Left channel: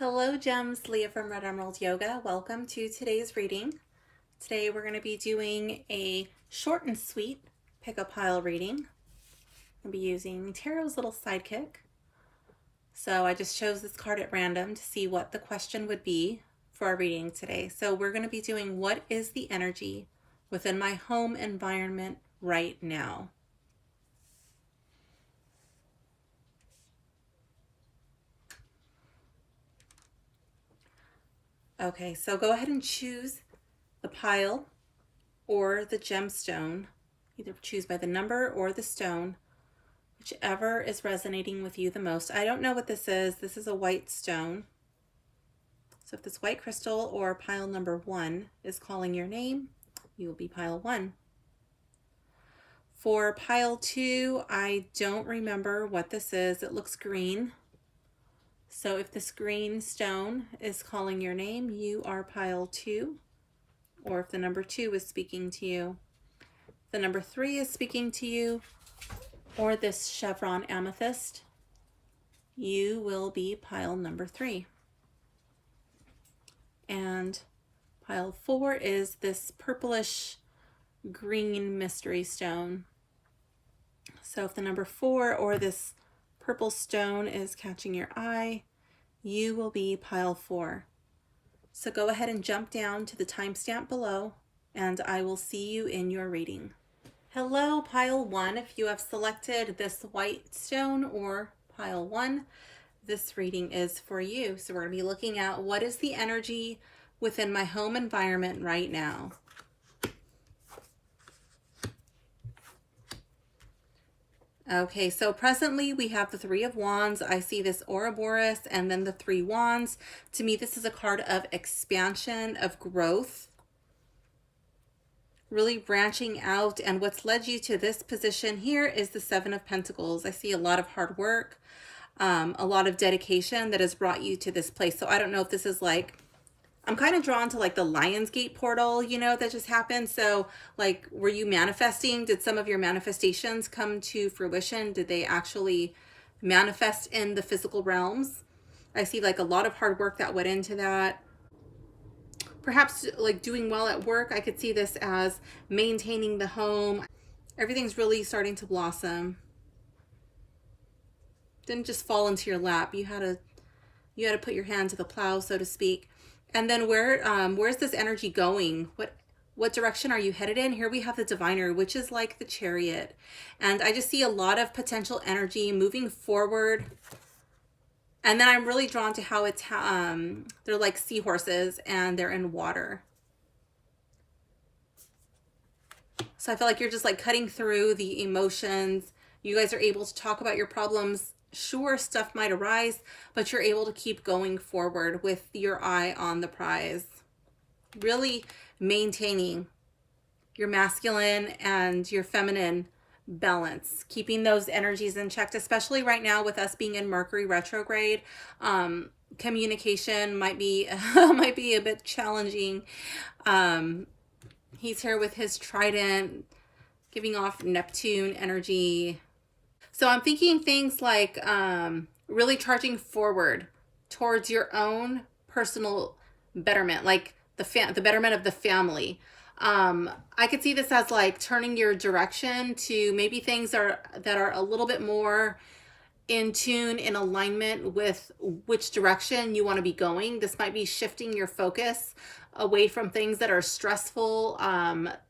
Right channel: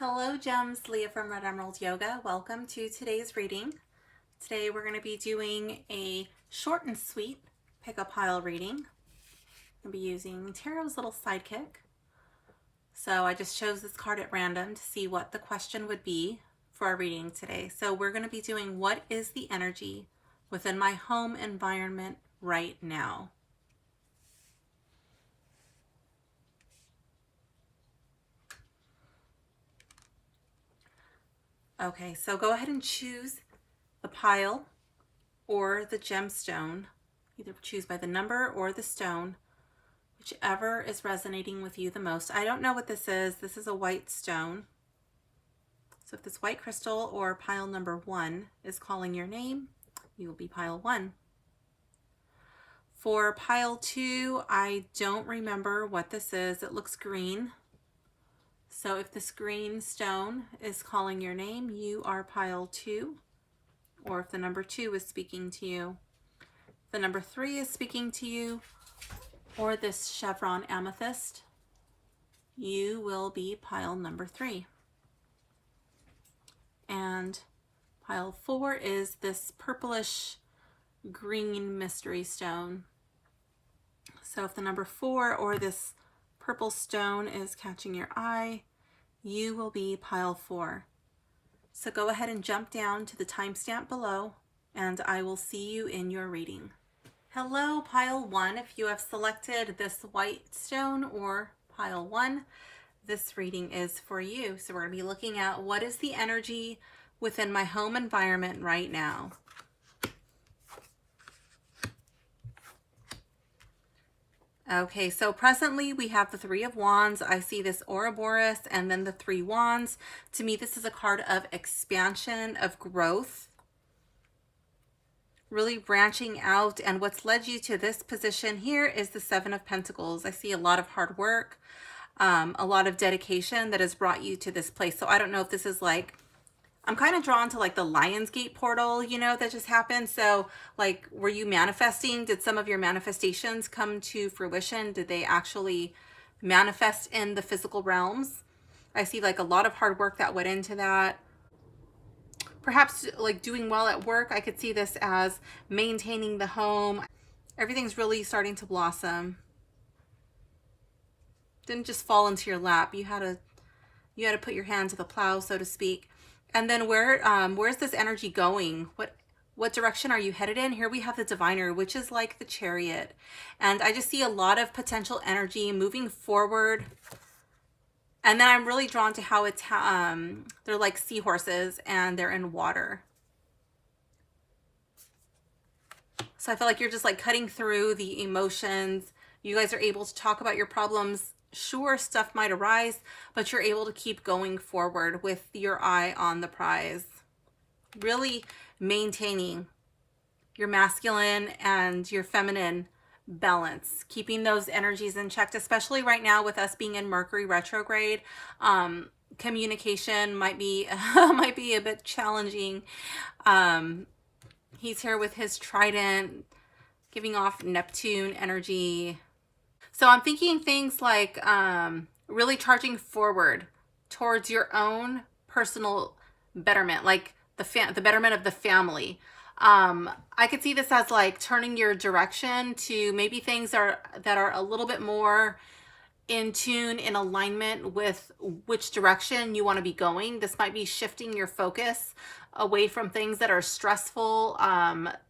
Hello Gems, Leah from Red Emerald Yoga. Welcome to today's reading. Today we're going to be doing a short and sweet pick-a-pile reading. I'll be using Tarot's little Sidekick. So I just chose this card at random to see what the question would be for our reading today. So we're going to be doing, what is the energy within my home environment right now? Okay, so go ahead and choose the pile or the gemstone. Either choose by the number or the stone, whichever is resonating with you the most. I don't know what this is. This is a white stone. So if this white crystal or pile number 1 is calling your name, you will be pile 1. For pile 2, I don't remember what this is. It looks green. So if this green stone is calling your name, you are pile 2. Or if the number 2 is speaking to you, the number 3 is speaking to you, or this chevron amethyst, you will be pile number 3. And pile 4 is this purplish green mystery stone. So if the number 4 or this purple stone is catching your eye, you will be pile 4. So go ahead and jump down to the timestamp below, and I will see you in your reading. Hello, pile 1. If you have selected this white stone or pile 1, this reading is for you. So we're going to be looking at, what is the energy within my home environment right now? Okay, so presently we have the 3 of Wands. I see this Ouroboros and then the 3 Wands. To me, this is a card of expansion, of growth, really branching out. And what's led you to this position here is the 7 of Pentacles. I see a lot of hard work, a lot of dedication that has brought you to this place. So I don't know if this is like, I'm kind of drawn to like the Lionsgate portal, you know, that just happened. So like, were you manifesting? Did some of your manifestations come to fruition? Did they actually manifest in the physical realms? I see like a lot of hard work that went into that. Perhaps like doing well at work. I could see this as maintaining the home. Everything's really starting to blossom. Didn't just fall into your lap. You had to put your hand to the plow, so to speak. And then where's this energy going? What direction are you headed in? Here we have the Diviner, which is like the Chariot. And I just see a lot of potential energy moving forward. And then I'm really drawn to how it's, they're like seahorses and they're in water. So I feel like you're just like cutting through the emotions. You guys are able to talk about your problems. Sure, stuff might arise, but you're able to keep going forward with your eye on the prize. Really maintaining your masculine and your feminine balance, keeping those energies in check, especially right now with us being in Mercury retrograde. Communication might be a bit challenging. He's here with his trident, giving off Neptune energy. So I'm thinking things like really charging forward towards your own personal betterment, like the betterment of the family. I could see this as like turning your direction to maybe things that are a little bit more in tune, in alignment with which direction you want to be going. This might be shifting your focus away from things that are stressful,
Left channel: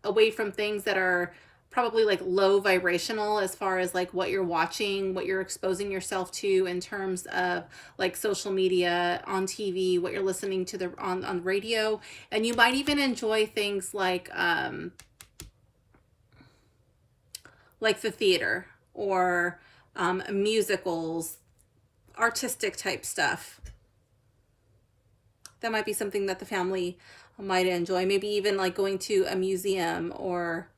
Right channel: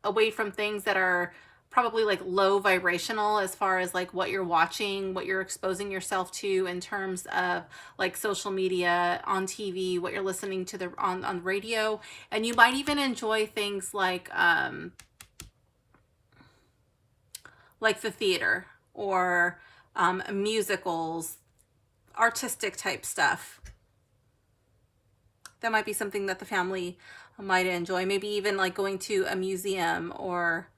away from things that are probably like low vibrational, as far as like what you're watching, what you're exposing yourself to in terms of like social media, on TV, what you're listening to on radio. And you might even enjoy things like the theater or musicals, artistic type stuff. That might be something that the family might enjoy. Maybe even like going to a museum or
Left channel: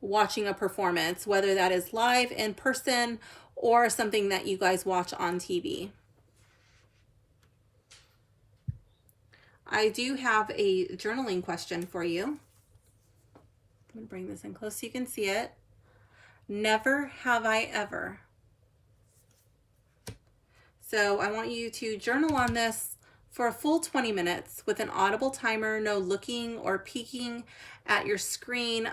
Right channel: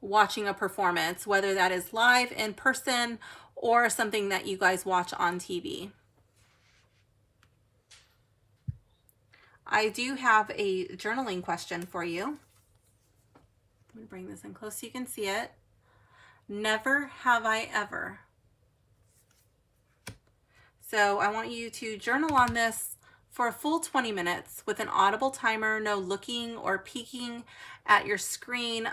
watching a performance, whether that is live in person or something that you guys watch on TV. I do have a journaling question for you. I'm going to bring this in close so you can see it. Never have I ever. So I want you to journal on this for a full 20 minutes with an audible timer, no looking or peeking at your screen.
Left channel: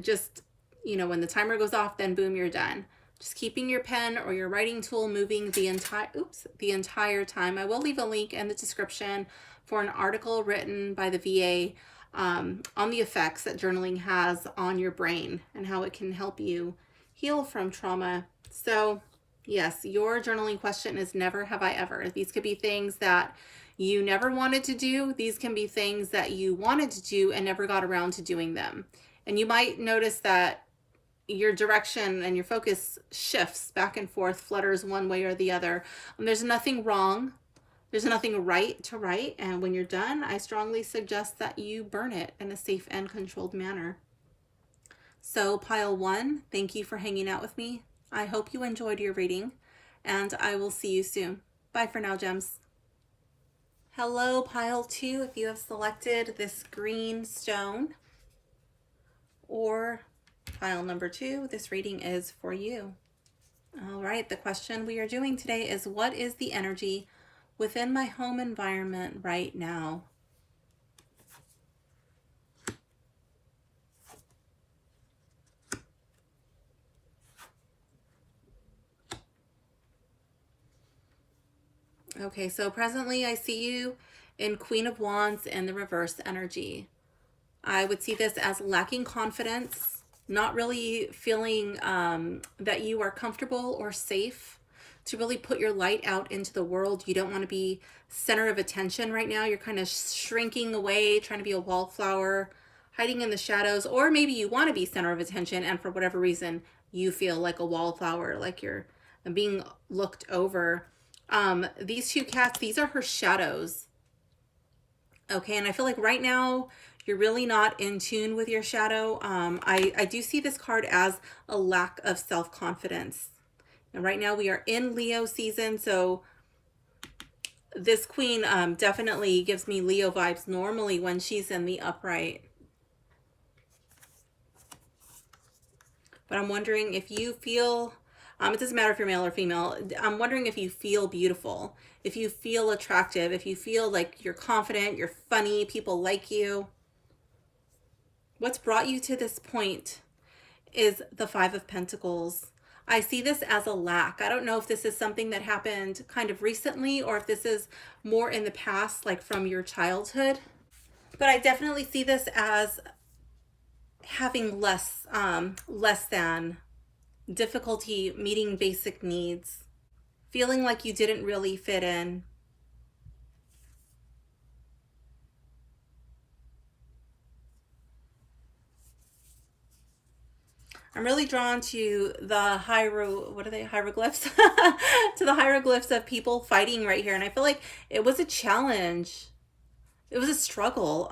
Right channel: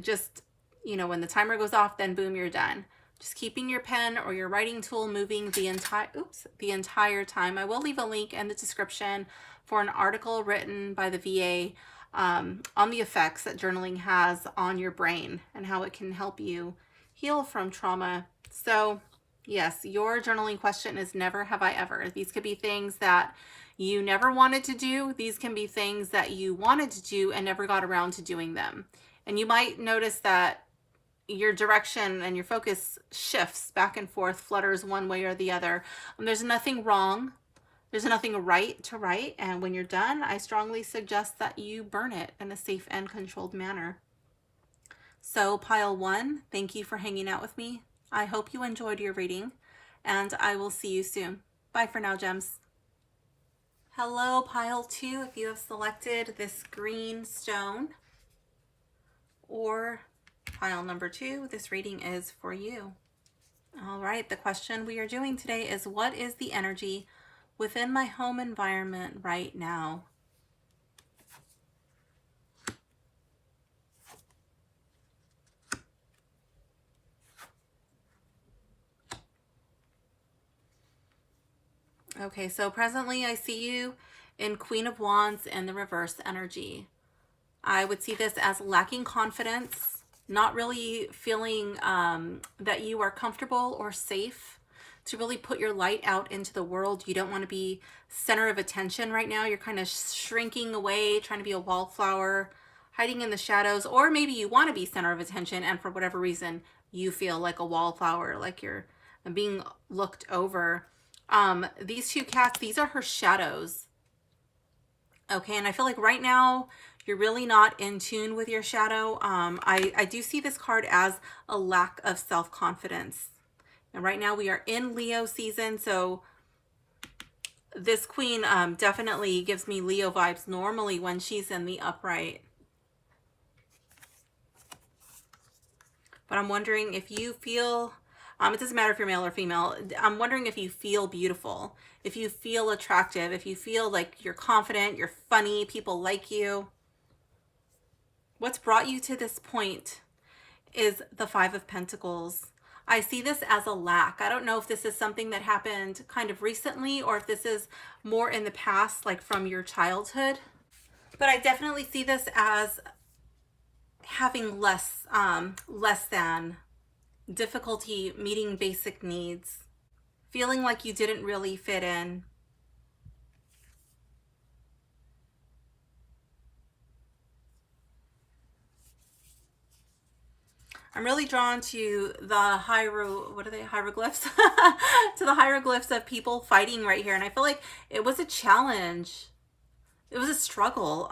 Just, when the timer goes off, then boom, you're done. Just keeping your pen or your writing tool moving the entire time. I will leave a link in the description for an article written by the VA on the effects that journaling has on your brain and how it can help you heal from trauma. So yes, your journaling question is never have I ever. These could be things that you never wanted to do. These can be things that you wanted to do and never got around to doing them. And you might notice that your direction and your focus shifts back and forth, flutters one way or the other. There's nothing wrong. There's nothing right to write. And when you're done, I strongly suggest that you burn it in a safe and controlled manner. So pile 1, thank you for hanging out with me. I hope you enjoyed your reading, and I will see you soon. Bye for now, gems. Hello, pile 2, if you have selected this green stone, or pile number 2, this reading is for you. All right, the question we are doing today is, what is the energy within my home environment right now? Okay, so presently I see you in Queen of Wands and the reverse energy. I would see this as lacking confidence, not really feeling that you are comfortable or safe to really put your light out into the world. You don't want to be center of attention right now. You're kind of shrinking away, trying to be a wallflower, hiding in the shadows, or maybe you want to be center of attention and for whatever reason you feel like a wallflower, like you're being looked over. These 2 cats, these are her shadows. Okay, and I feel like right now you're really not in tune with your shadow. I do see this card as a lack of self-confidence. And right now we are in Leo season, so this queen definitely gives me Leo vibes normally when she's in the upright. But I'm wondering if you feel, it doesn't matter if you're male or female, I'm wondering if you feel beautiful, if you feel attractive, if you feel like you're confident, you're funny, people like you. What's brought you to this point is the 5 of Pentacles. I see this as a lack. I don't know if this is something that happened kind of recently or if this is more in the past, like from your childhood. But I definitely see this as having less than, difficulty meeting basic needs, feeling like you didn't really fit in. I'm really drawn to the hieroglyphs to the hieroglyphs of people fighting right here, and I feel like it was a challenge. It was a struggle.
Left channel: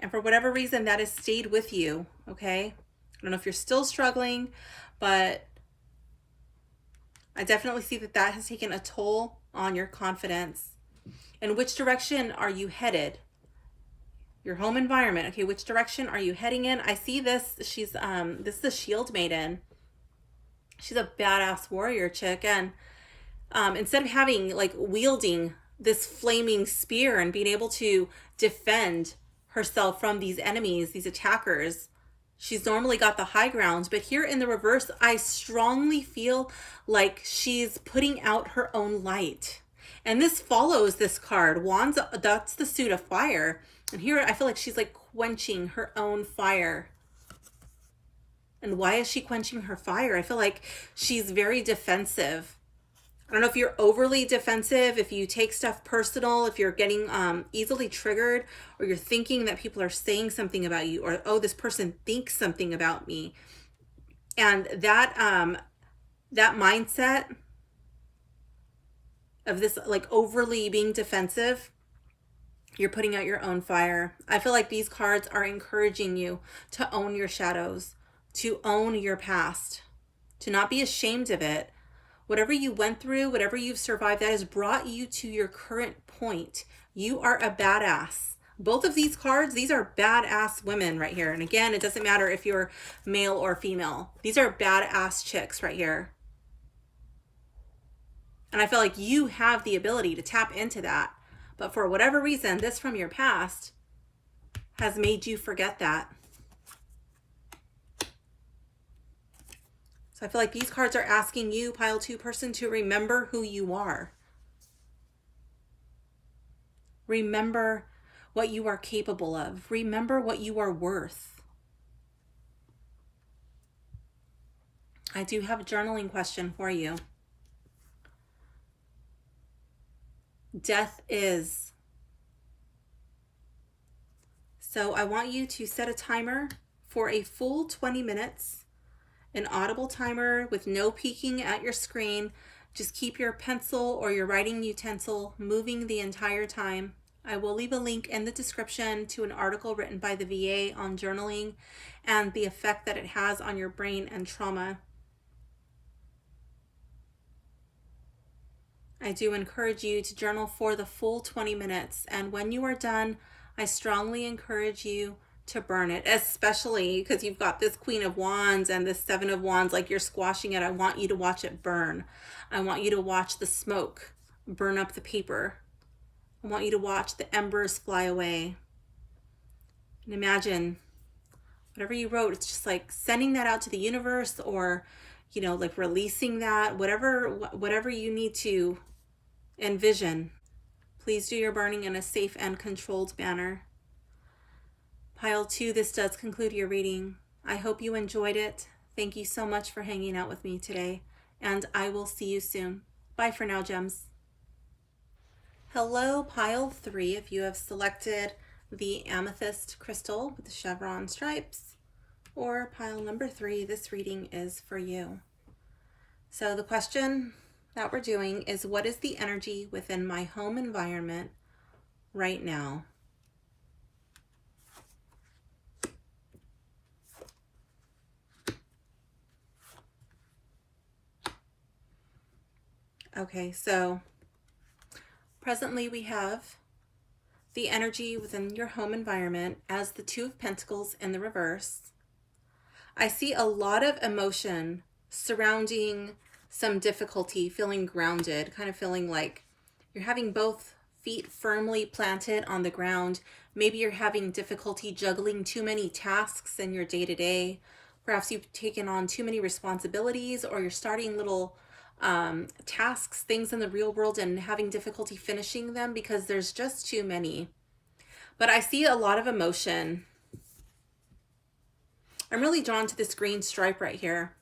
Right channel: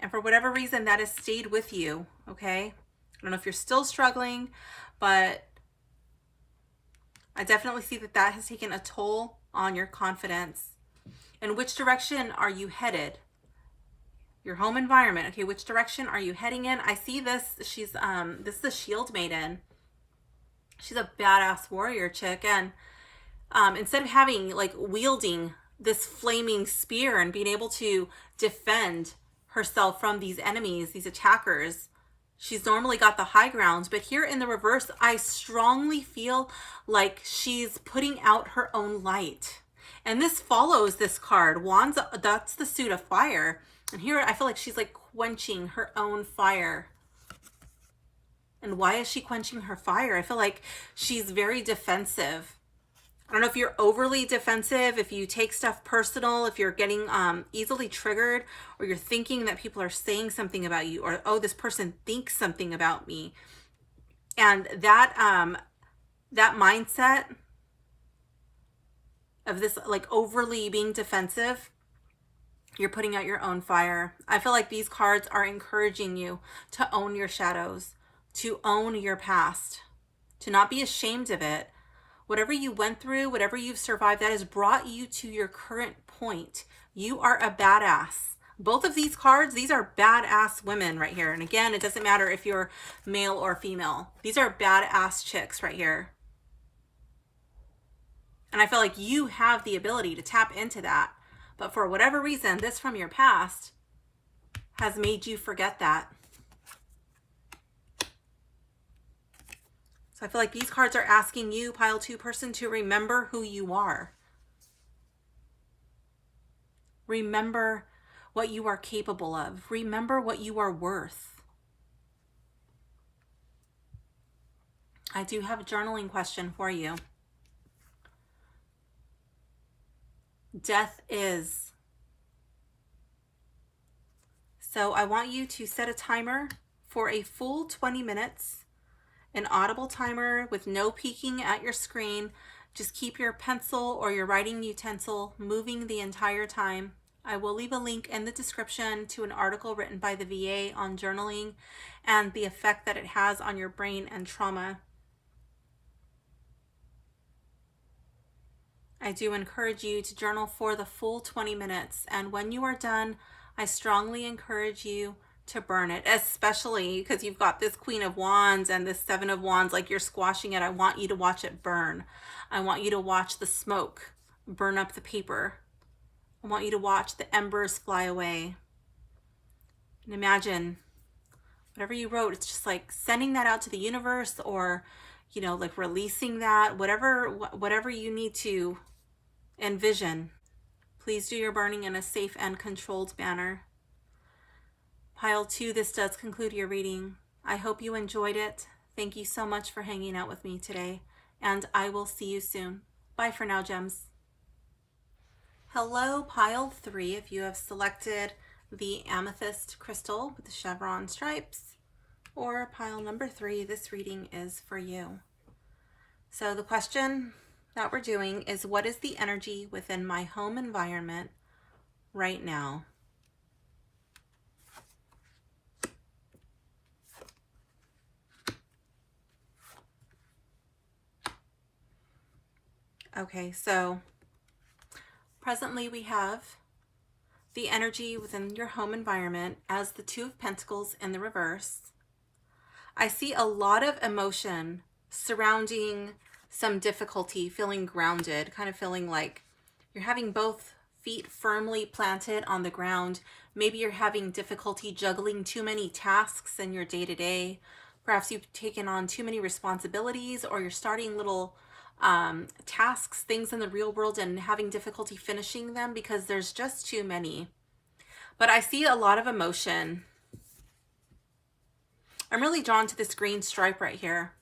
And for whatever reason, that has stayed with you, okay? I don't know if you're still struggling, but I definitely see that that has taken a toll on your confidence. And which direction are you headed? Your home environment, okay? Which direction are you heading in? I see this, she's, this is a shield maiden. She's a badass warrior chick. And instead of having, like, wielding this flaming spear and being able to defend herself from these enemies, these attackers, she's normally got the high ground. But here in the reverse, I strongly feel like she's putting out her own light. And this follows this card. Wands, that's the suit of fire. And here I feel like she's like quenching her own fire. And why is she quenching her fire? I feel like she's very defensive. I don't know if you're overly defensive, if you take stuff personal, if you're getting easily triggered, or you're thinking that people are saying something about you, or, oh, this person thinks something about me. And that that mindset of this, like, overly being defensive, you're putting out your own fire. I feel like these cards are encouraging you to own your shadows, to own your past, to not be ashamed of it. Whatever you went through, whatever you've survived, that has brought you to your current point. You are a badass. Both of these cards, these are badass women right here. And again, it doesn't matter if you're male or female. These are badass chicks right here. And I feel like you have the ability to tap into that. But for whatever reason, this from your past has made you forget that. So I feel like these cards are asking you, pile 2 person, to remember who you are. Remember what you are capable of. Remember what you are worth. I do have a journaling question for you. Death is. So I want you to set a timer for a full 20 minutes, an audible timer with no peeking at your screen. Just keep your pencil or your writing utensil moving the entire time. I will leave a link in the description to an article written by the VA on journaling and the effect that it has on your brain and trauma. I do encourage you to journal for the full 20 minutes. And when you are done, I strongly encourage you to burn it, especially because you've got this Queen of Wands and this Seven of Wands, like you're squashing it. I want you to watch it burn. I want you to watch the smoke burn up the paper. I want you to watch the embers fly away. And imagine whatever you wrote, it's just like sending that out to the universe, or, you know, like releasing that, whatever you need to envision. Please do your burning in a safe and controlled manner. Pile 2, this does conclude your reading. I hope you enjoyed it. Thank you so much for hanging out with me today, and I will see you soon. Bye for now, gems. Hello, pile 3. If you have selected the amethyst crystal with the chevron stripes, or pile number 3, this reading is for you. So the question that we're doing is, what is the energy within my home environment right now? Okay, so presently we have the energy within your home environment as the 2 of Pentacles in the reverse. I see a lot of emotion surrounding some difficulty, feeling grounded, kind of feeling like you're having both feet firmly planted on the ground. Maybe you're having difficulty juggling too many tasks in your day-to-day. Perhaps you've taken on too many responsibilities, or you're starting little tasks, things in the real world, and having difficulty finishing them because there's just too many. But I see a lot of emotion. I'm really drawn to this green stripe right here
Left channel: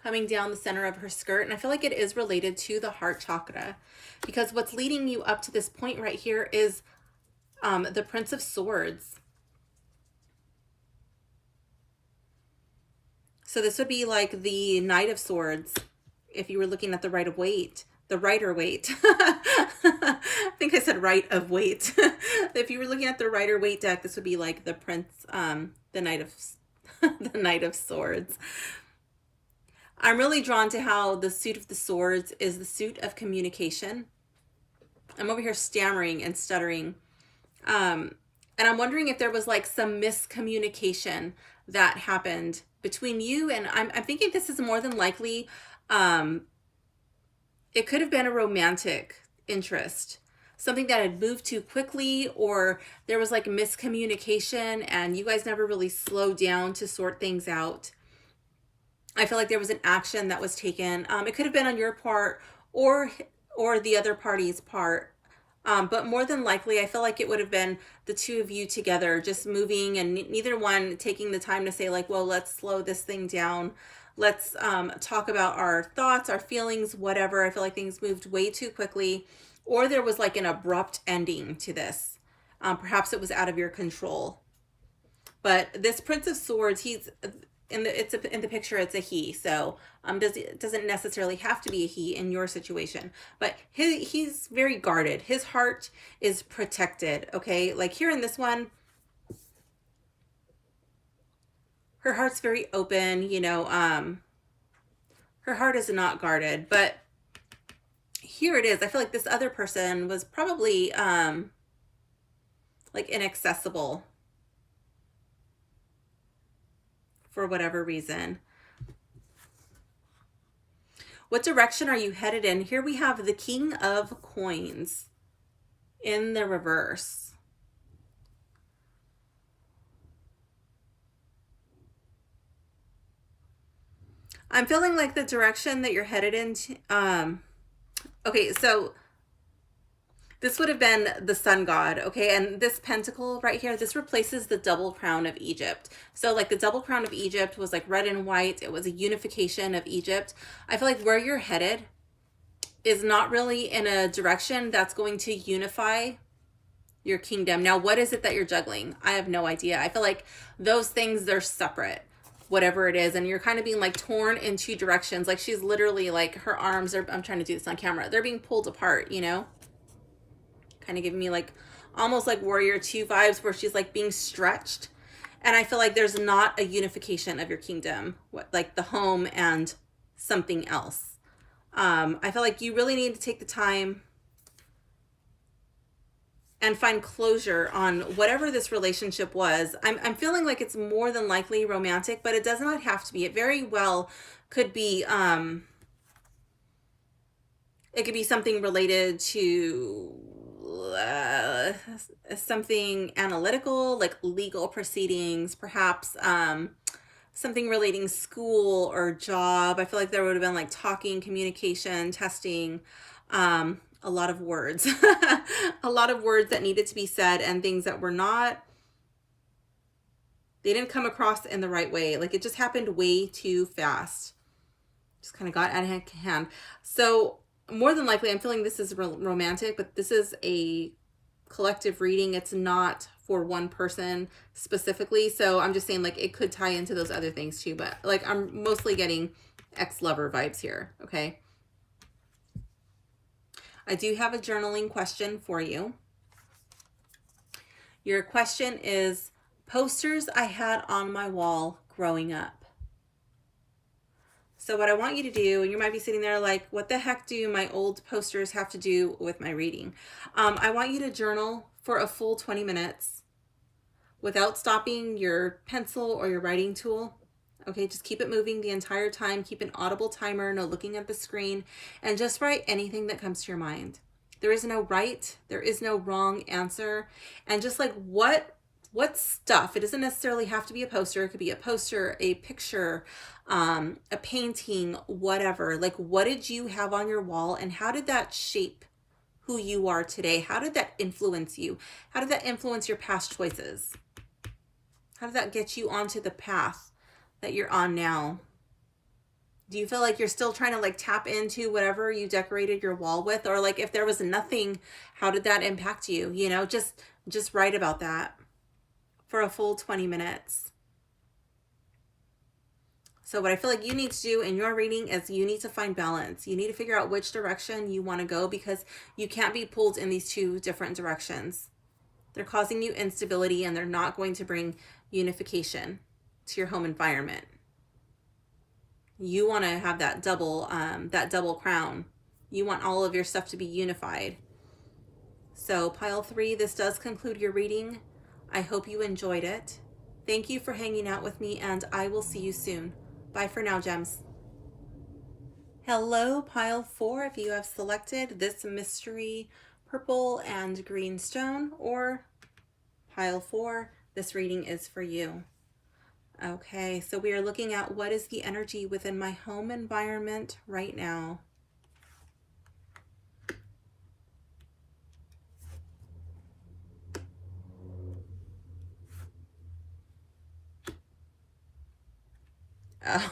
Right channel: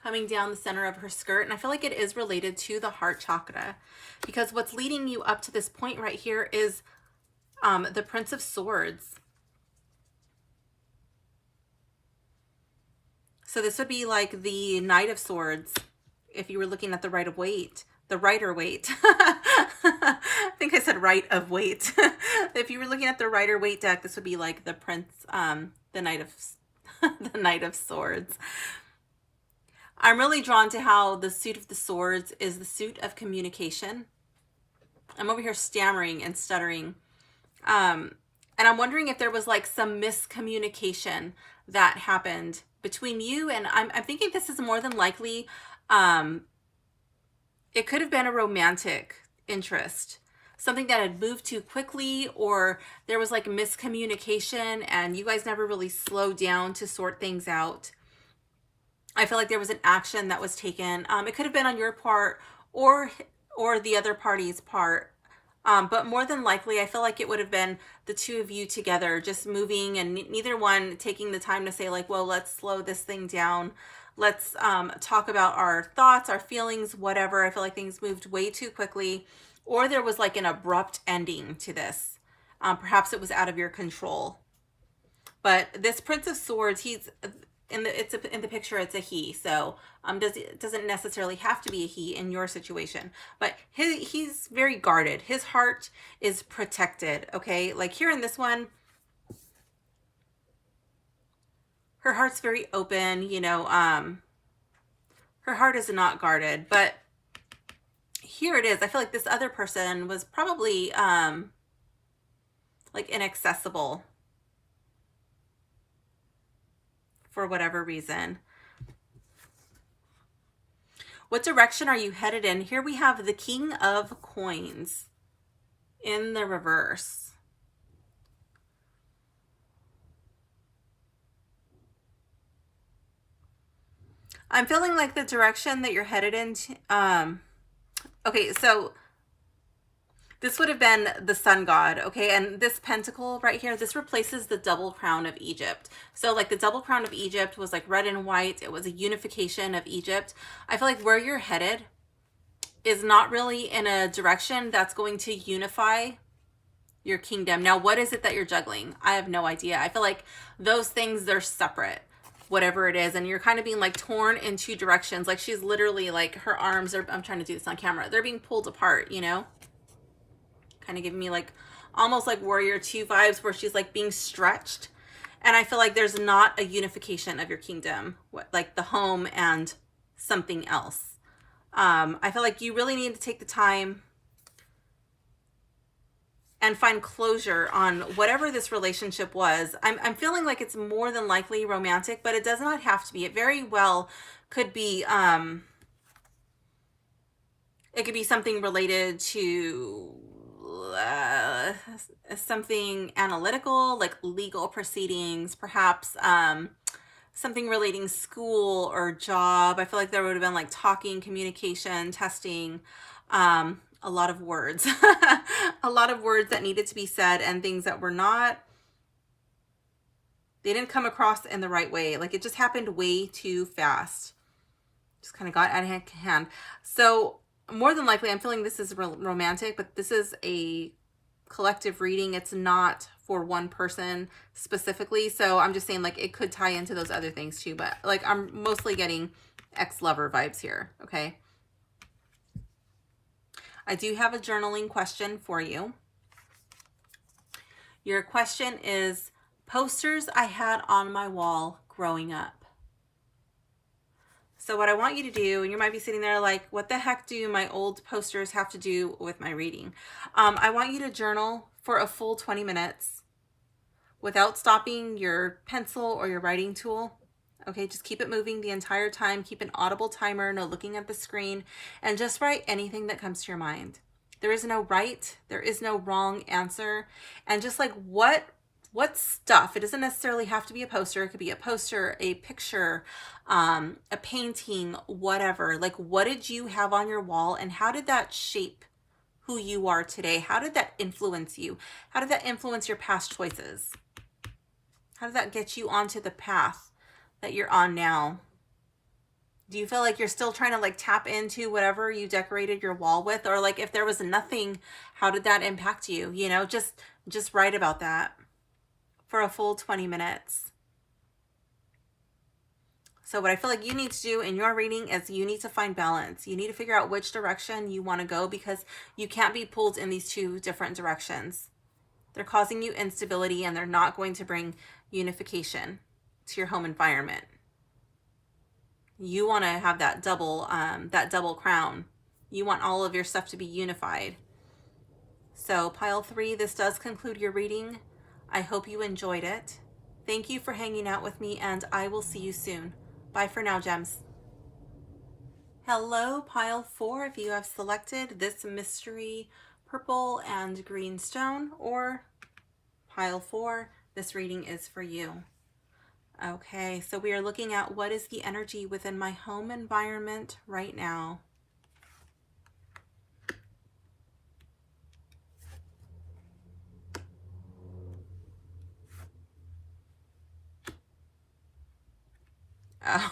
coming down the center of her skirt, and I feel like it is related to the heart chakra, because what's leading you up to this point right here is the Prince of Swords. So this would be like the Knight of Swords if you were looking at the Rider Waite. I think I said right of weight. If you were looking at the Rider Waite deck, this would be like the Prince, the Knight of the Knight of Swords. I'm really drawn to how the suit of the swords is the suit of communication. I'm over here stammering and stuttering. And I'm wondering if there was like some miscommunication that happened between you, and I'm thinking this is more than likely, it could have been a romantic interest, something that had moved too quickly, or there was like miscommunication and you guys never really slowed down to sort things out. I feel like there was an action that was taken. It could have been on your part or the other party's part. But more than likely, I feel like it would have been the 2 of you together just moving, and neither one taking the time to say like, well, let's slow this thing down. Let's talk about our thoughts, our feelings, whatever. I feel like things moved way too quickly, or there was like an abrupt ending to this. Perhaps it was out of your control. But this Prince of Swords, he's in the picture, it's a he. So it doesn't necessarily have to be a he in your situation, but he's very guarded. His heart is protected. Okay, like here in this one, her heart's very open, you know, her heart is not guarded, but here it is. I feel like this other person was probably like inaccessible for whatever reason. What direction are you headed in? Here we have the King of Coins in the reverse. I'm feeling like the direction that you're headed into, okay, so this would have been the sun god, okay? And this pentacle right here, this replaces the double crown of Egypt. So like the double crown of Egypt was like red and white. It was a unification of Egypt. I feel like where you're headed is not really in a direction that's going to unify your kingdom. Now, what is it that you're juggling? I have no idea. I feel like those things, they're separate, whatever it is. And you're kind of being like torn in two directions. Like she's literally like her arms are, I'm trying to do this on camera, they're being pulled apart, you know? Kind of giving me like almost like Warrior 2 vibes where she's like being stretched. And I feel like there's not a unification of your kingdom, like the home and something else. I feel like you really need to take the time and find closure on whatever this relationship was. I'm feeling like it's more than likely romantic, but it does not have to be. It very well could be, it could be something related to something analytical, like legal proceedings, perhaps something relating school or job. I feel like there would have been like talking, communication, testing, a lot of words, a lot of words that needed to be said and things that were not, they didn't come across in the right way. Like it just happened way too fast. Just kind of got out of hand. So more than likely, I'm feeling this is romantic, but this is a collective reading. It's not for one person specifically. So I'm just saying like it could tie into those other things too, but like I'm mostly getting ex-lover vibes here. Okay. I do have a journaling question for you. Your question is posters I had on my wall growing up. So what I want you to do, and you might be sitting there like, what the heck do my old posters have to do with my reading? I want you to journal for a full 20 minutes without stopping your pencil or your writing tool. Okay, just keep it moving the entire time. Keep an audible timer, no looking at the screen, and just write anything that comes to your mind. There is no right, there is no wrong answer. And just like what stuff, it doesn't necessarily have to be a poster. It could be a poster, a picture, a painting, whatever. Like what did you have on your wall and how did that shape who you are today? How did that influence you? How did that influence your past choices? How did that get you onto the path that you're on now? Do you feel like you're still trying to like tap into whatever you decorated your wall with? Or like if there was nothing, how did that impact you? You know, just write about that for a full 20 minutes. So what I feel like you need to do in your reading is you need to find balance. You need to figure out which direction you want to go because you can't be pulled in these two different directions. They're causing you instability and they're not going to bring unification to your home environment. You want to have that double crown. You want all of your stuff to be unified. So pile 3, this does conclude your reading. I hope you enjoyed it. Thank you for hanging out with me and I will see you soon. Bye for now, gems. Hello, pile 4. If you have selected this mystery purple and green stone or pile 4, this reading is for you. Okay, so we are looking at what is the energy within my home environment right now.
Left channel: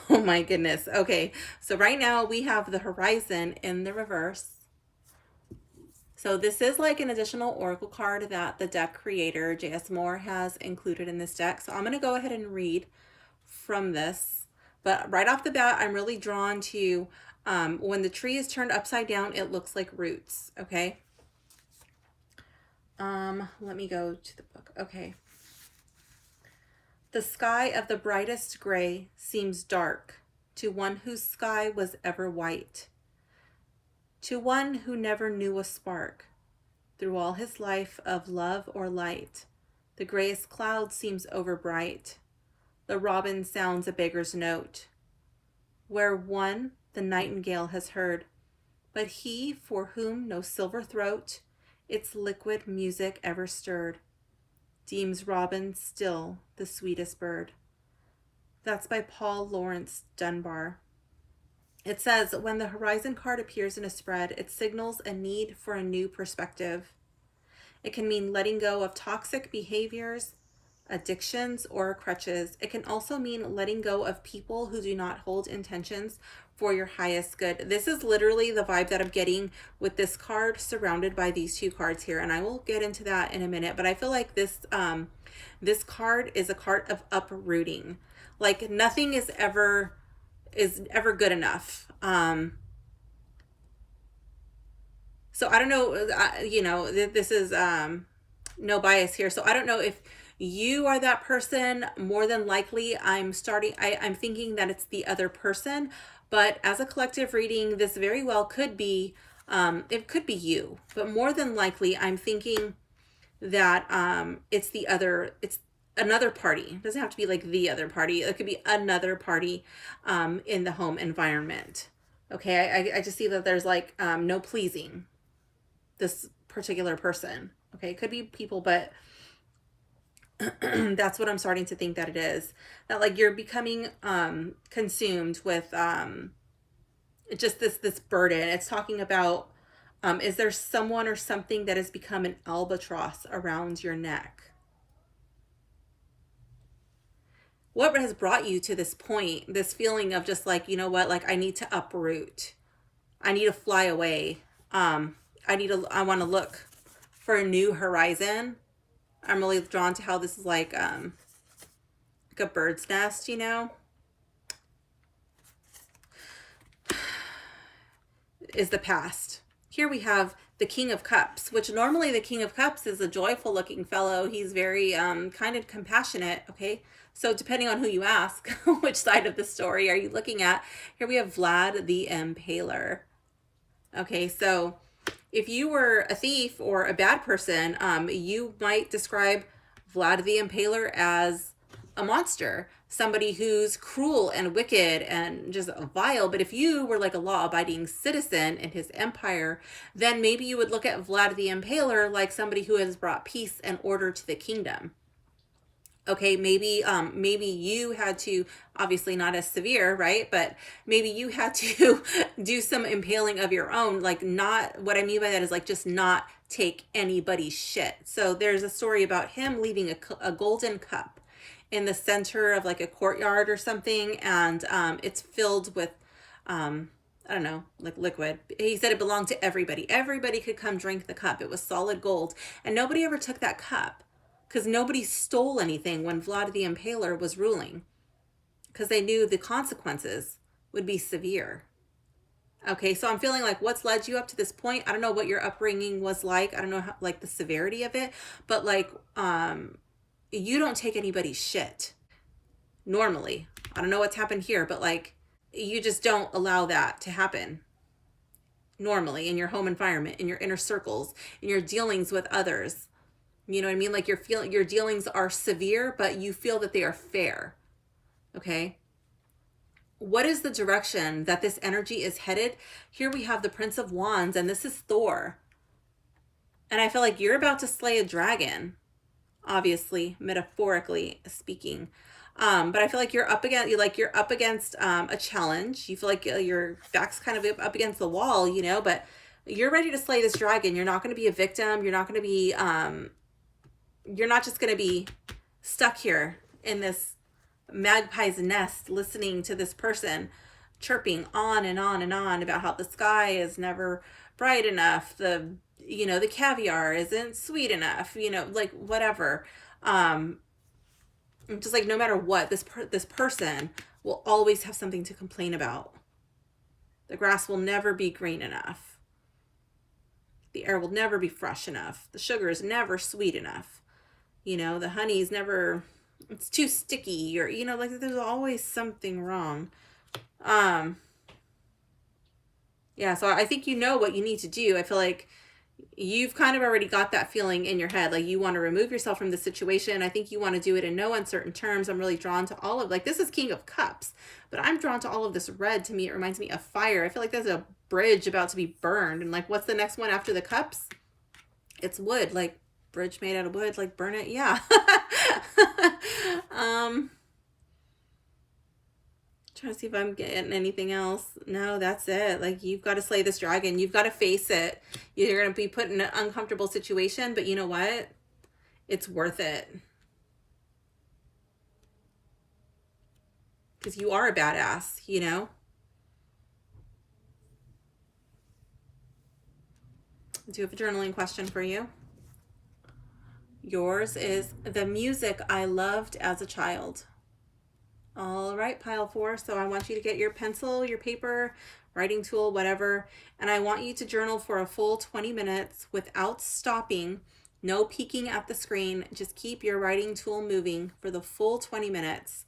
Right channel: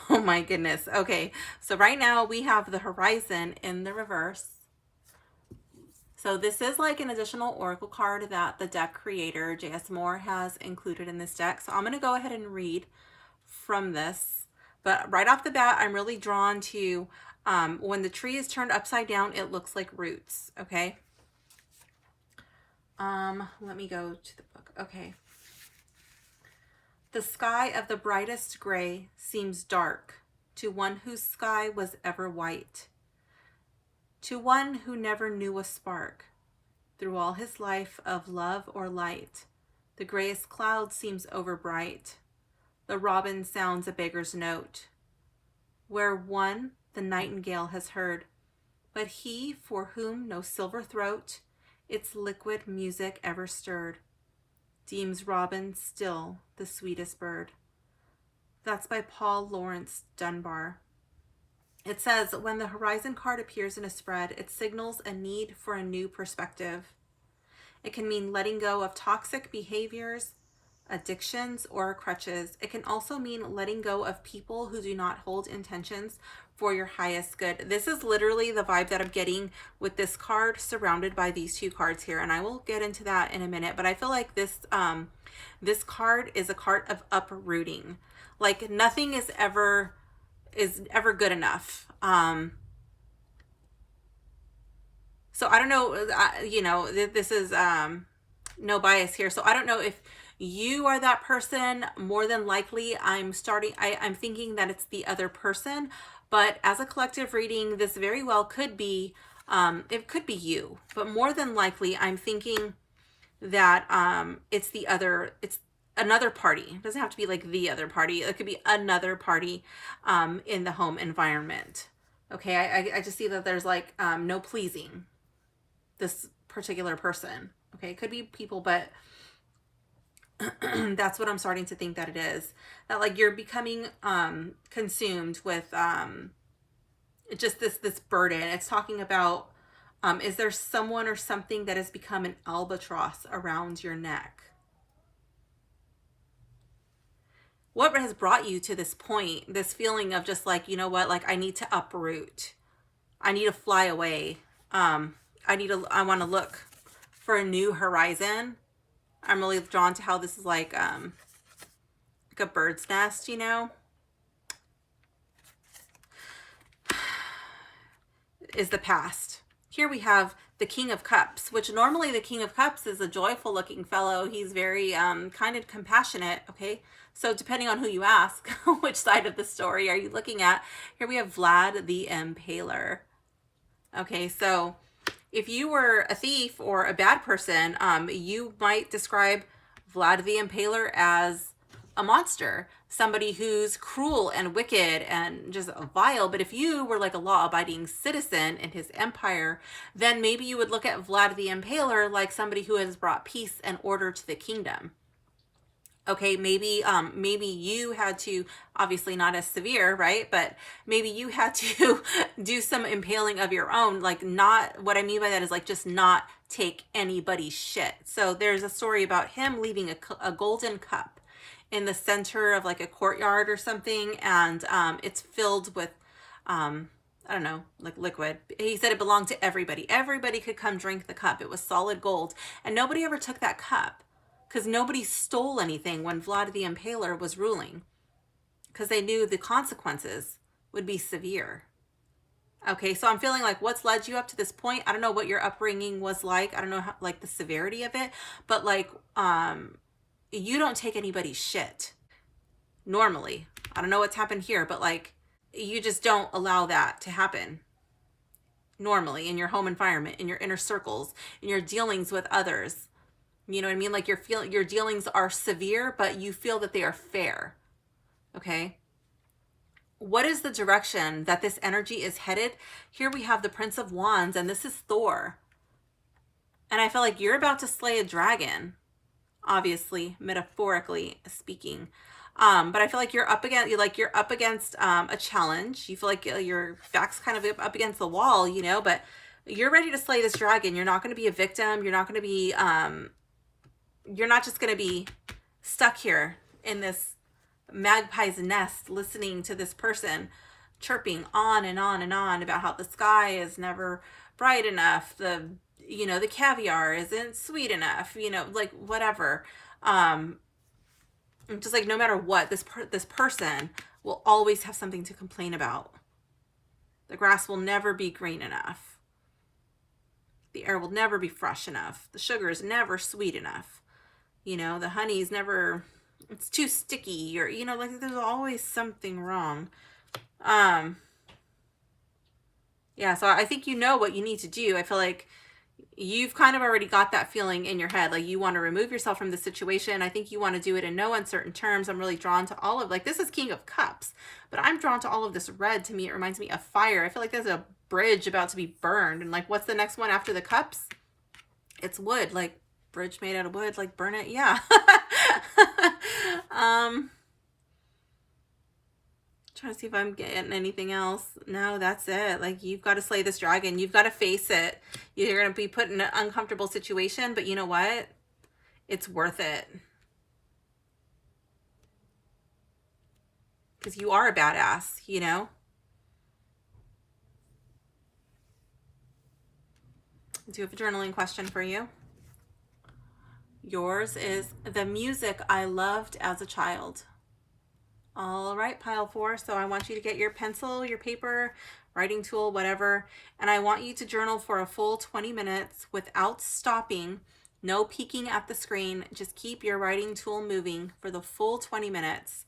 Oh my goodness. Okay, so right now we have the horizon in the reverse. So this is like an additional oracle card that the deck creator, J.S. Moore, has included in this deck. So I'm going to go ahead and read from this. But right off the bat, I'm really drawn to when the tree is turned upside down, it looks like roots. Okay. Let me go to the book. Okay. The sky of the brightest gray seems dark to one whose sky was ever white, to one who never knew a spark through all his life of love or light. The grayest cloud seems overbright. The robin sounds a beggar's note. Where one the nightingale has heard, but he for whom no silver throat its liquid music ever stirred, deems robin still the sweetest bird. That's by Paul Laurence Dunbar. It says, when the horizon card appears in a spread, it signals a need for a new perspective. It can mean letting go of toxic behaviors, addictions, or crutches. It can also mean letting go of people who do not hold intentions for your highest good. This is literally the vibe that I'm getting with this card surrounded by these two cards here, and I will get into that in a minute. But I feel like this this card is a card of uprooting. Like nothing is ever good enough. So I don't know, you know, this is no bias here. So I don't know if you are that person. More than likely, I'm thinking that it's the other person. But as a collective reading, this very well could be, it could be you. But more than likely, I'm thinking that it's another party. It doesn't have to be like the other party. It could be another party in the home environment. Okay, I just see that there's like no pleasing this particular person. Okay, it could be people, but that's what I'm starting to think that it is. That like you're becoming consumed with just this burden. It's talking about is there someone or something that has become an albatross around your neck? What has brought you to this point, this feeling of just like, you know what, like I need to uproot. I need to fly away. I want to look for a new horizon. I'm really drawn to how this is like a bird's nest, you know, is the past. Here we have the King of Cups, which normally the King of Cups is a joyful looking fellow. He's very kind and compassionate. Okay, so depending on who you ask, which side of the story are you looking at? Here we have Vlad the Impaler. Okay, so if you were a thief or a bad person, you might describe Vlad the Impaler as a monster, somebody who's cruel and wicked and just vile. But if you were like a law-abiding citizen in his empire, then maybe you would look at Vlad the Impaler like somebody who has brought peace and order to the kingdom. Okay, maybe you had to, obviously not as severe, right? But maybe you had to do some impaling of your own. Like, not, what I mean by that is like just not take anybody's shit. So there's a story about him leaving a golden cup in the center of like a courtyard or something, and it's filled with I don't know, like liquid. He said it belonged to everybody. Everybody could come drink the cup. It was solid gold, and nobody ever took that cup because nobody stole anything when Vlad the Impaler was ruling, because they knew the consequences would be severe. Okay, so I'm feeling like what's led you up to this point. I don't know what your upbringing was like. I don't know how, like the severity of it, but like you don't take anybody's shit normally. I don't know what's happened here, but like you just don't allow that to happen normally in your home environment, in your inner circles, in your dealings with others. You know what I mean? Like your dealings are severe, but you feel that they are fair. Okay. What is the direction that this energy is headed? Here we have the Prince of Wands, and this is Thor. And I feel like you're about to slay a dragon, obviously, metaphorically speaking. But I feel like you're up against a challenge. You feel like your back's kind of up against the wall, you know, but you're ready to slay this dragon. You're not going to be a victim. You're not going to be, you're not just going to be stuck here in this magpie's nest listening to this person chirping on and on and on about how the sky is never bright enough, the caviar isn't sweet enough, like whatever. Just like no matter what, this person will always have something to complain about. The grass will never be green enough. The air will never be fresh enough. The sugar is never sweet enough. The honey is never, it's too sticky, or, like there's always something wrong. Yeah, so I think you know what you need to do. I feel like you've kind of already got that feeling in your head. Like you want to remove yourself from the situation. I think you want to do it in no uncertain terms. I'm really drawn to all of, like, this is King of Cups, but I'm drawn to all of this red. To me, it reminds me of fire. I feel like there's a bridge about to be burned. And like, what's the next one after the cups? It's wood, like bridge made out of wood, like burn it. Yeah. Trying to see if I'm getting anything else. No, that's it. Like, you've got to slay this dragon. You've got to face it. You're going to be put in an uncomfortable situation, but you know what? It's worth it. Because you are a badass, you know? I do have a journaling question for you. Yours is the music I loved as a child. All right, pile 4. So I want you to get your pencil, your paper, writing tool, whatever. And I want you to journal for a full 20 minutes without stopping. No peeking at the screen. Just keep your writing tool moving for the full 20 minutes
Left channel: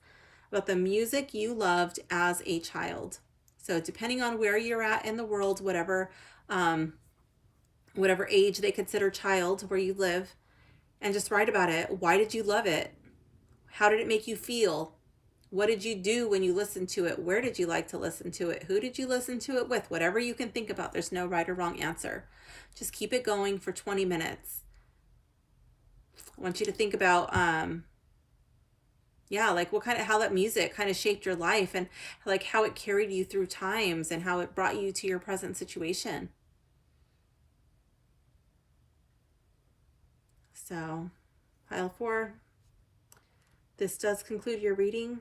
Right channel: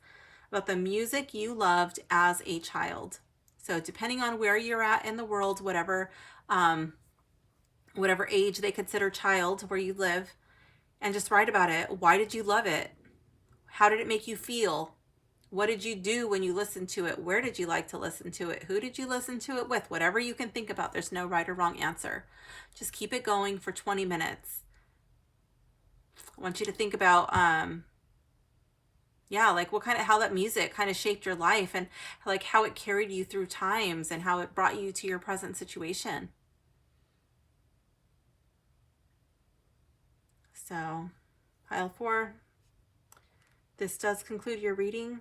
about the music you loved as a child. So depending on where you're at in the world, whatever age they consider child where you live, and just write about it. Why did you love it? How did it make you feel? What did you do when you listened to it? Where did you like to listen to it? Who did you listen to it with? Whatever you can think about. There's no right or wrong answer. Just keep it going for 20 minutes. I want you to think about, like how that music kind of shaped your life, and like how it carried you through times and how it brought you to your present situation. So, pile 4. This does conclude your reading.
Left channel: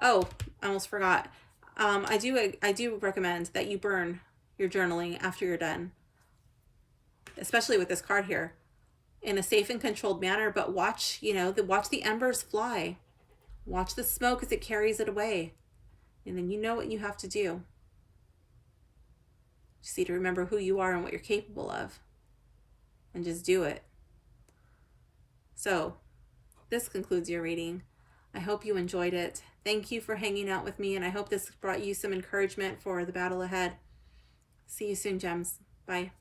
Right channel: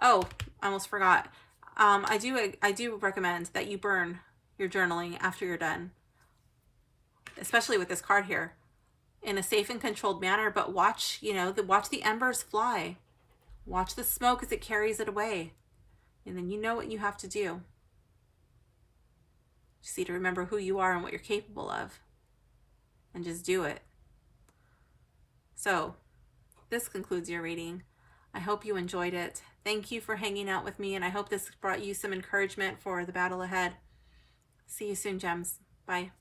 Oh, I almost forgot. I do recommend that you burn your journaling after you're done, especially with this card here, in a safe and controlled manner. But watch the embers fly. Watch the smoke as it carries it away, and then you know what you have to do. Just need to remember who you are and what you're capable of, and just do it. So, this concludes your reading. I hope you enjoyed it. Thank you for hanging out with me, and I hope this brought you some encouragement for the battle ahead. See you soon, gems. Bye.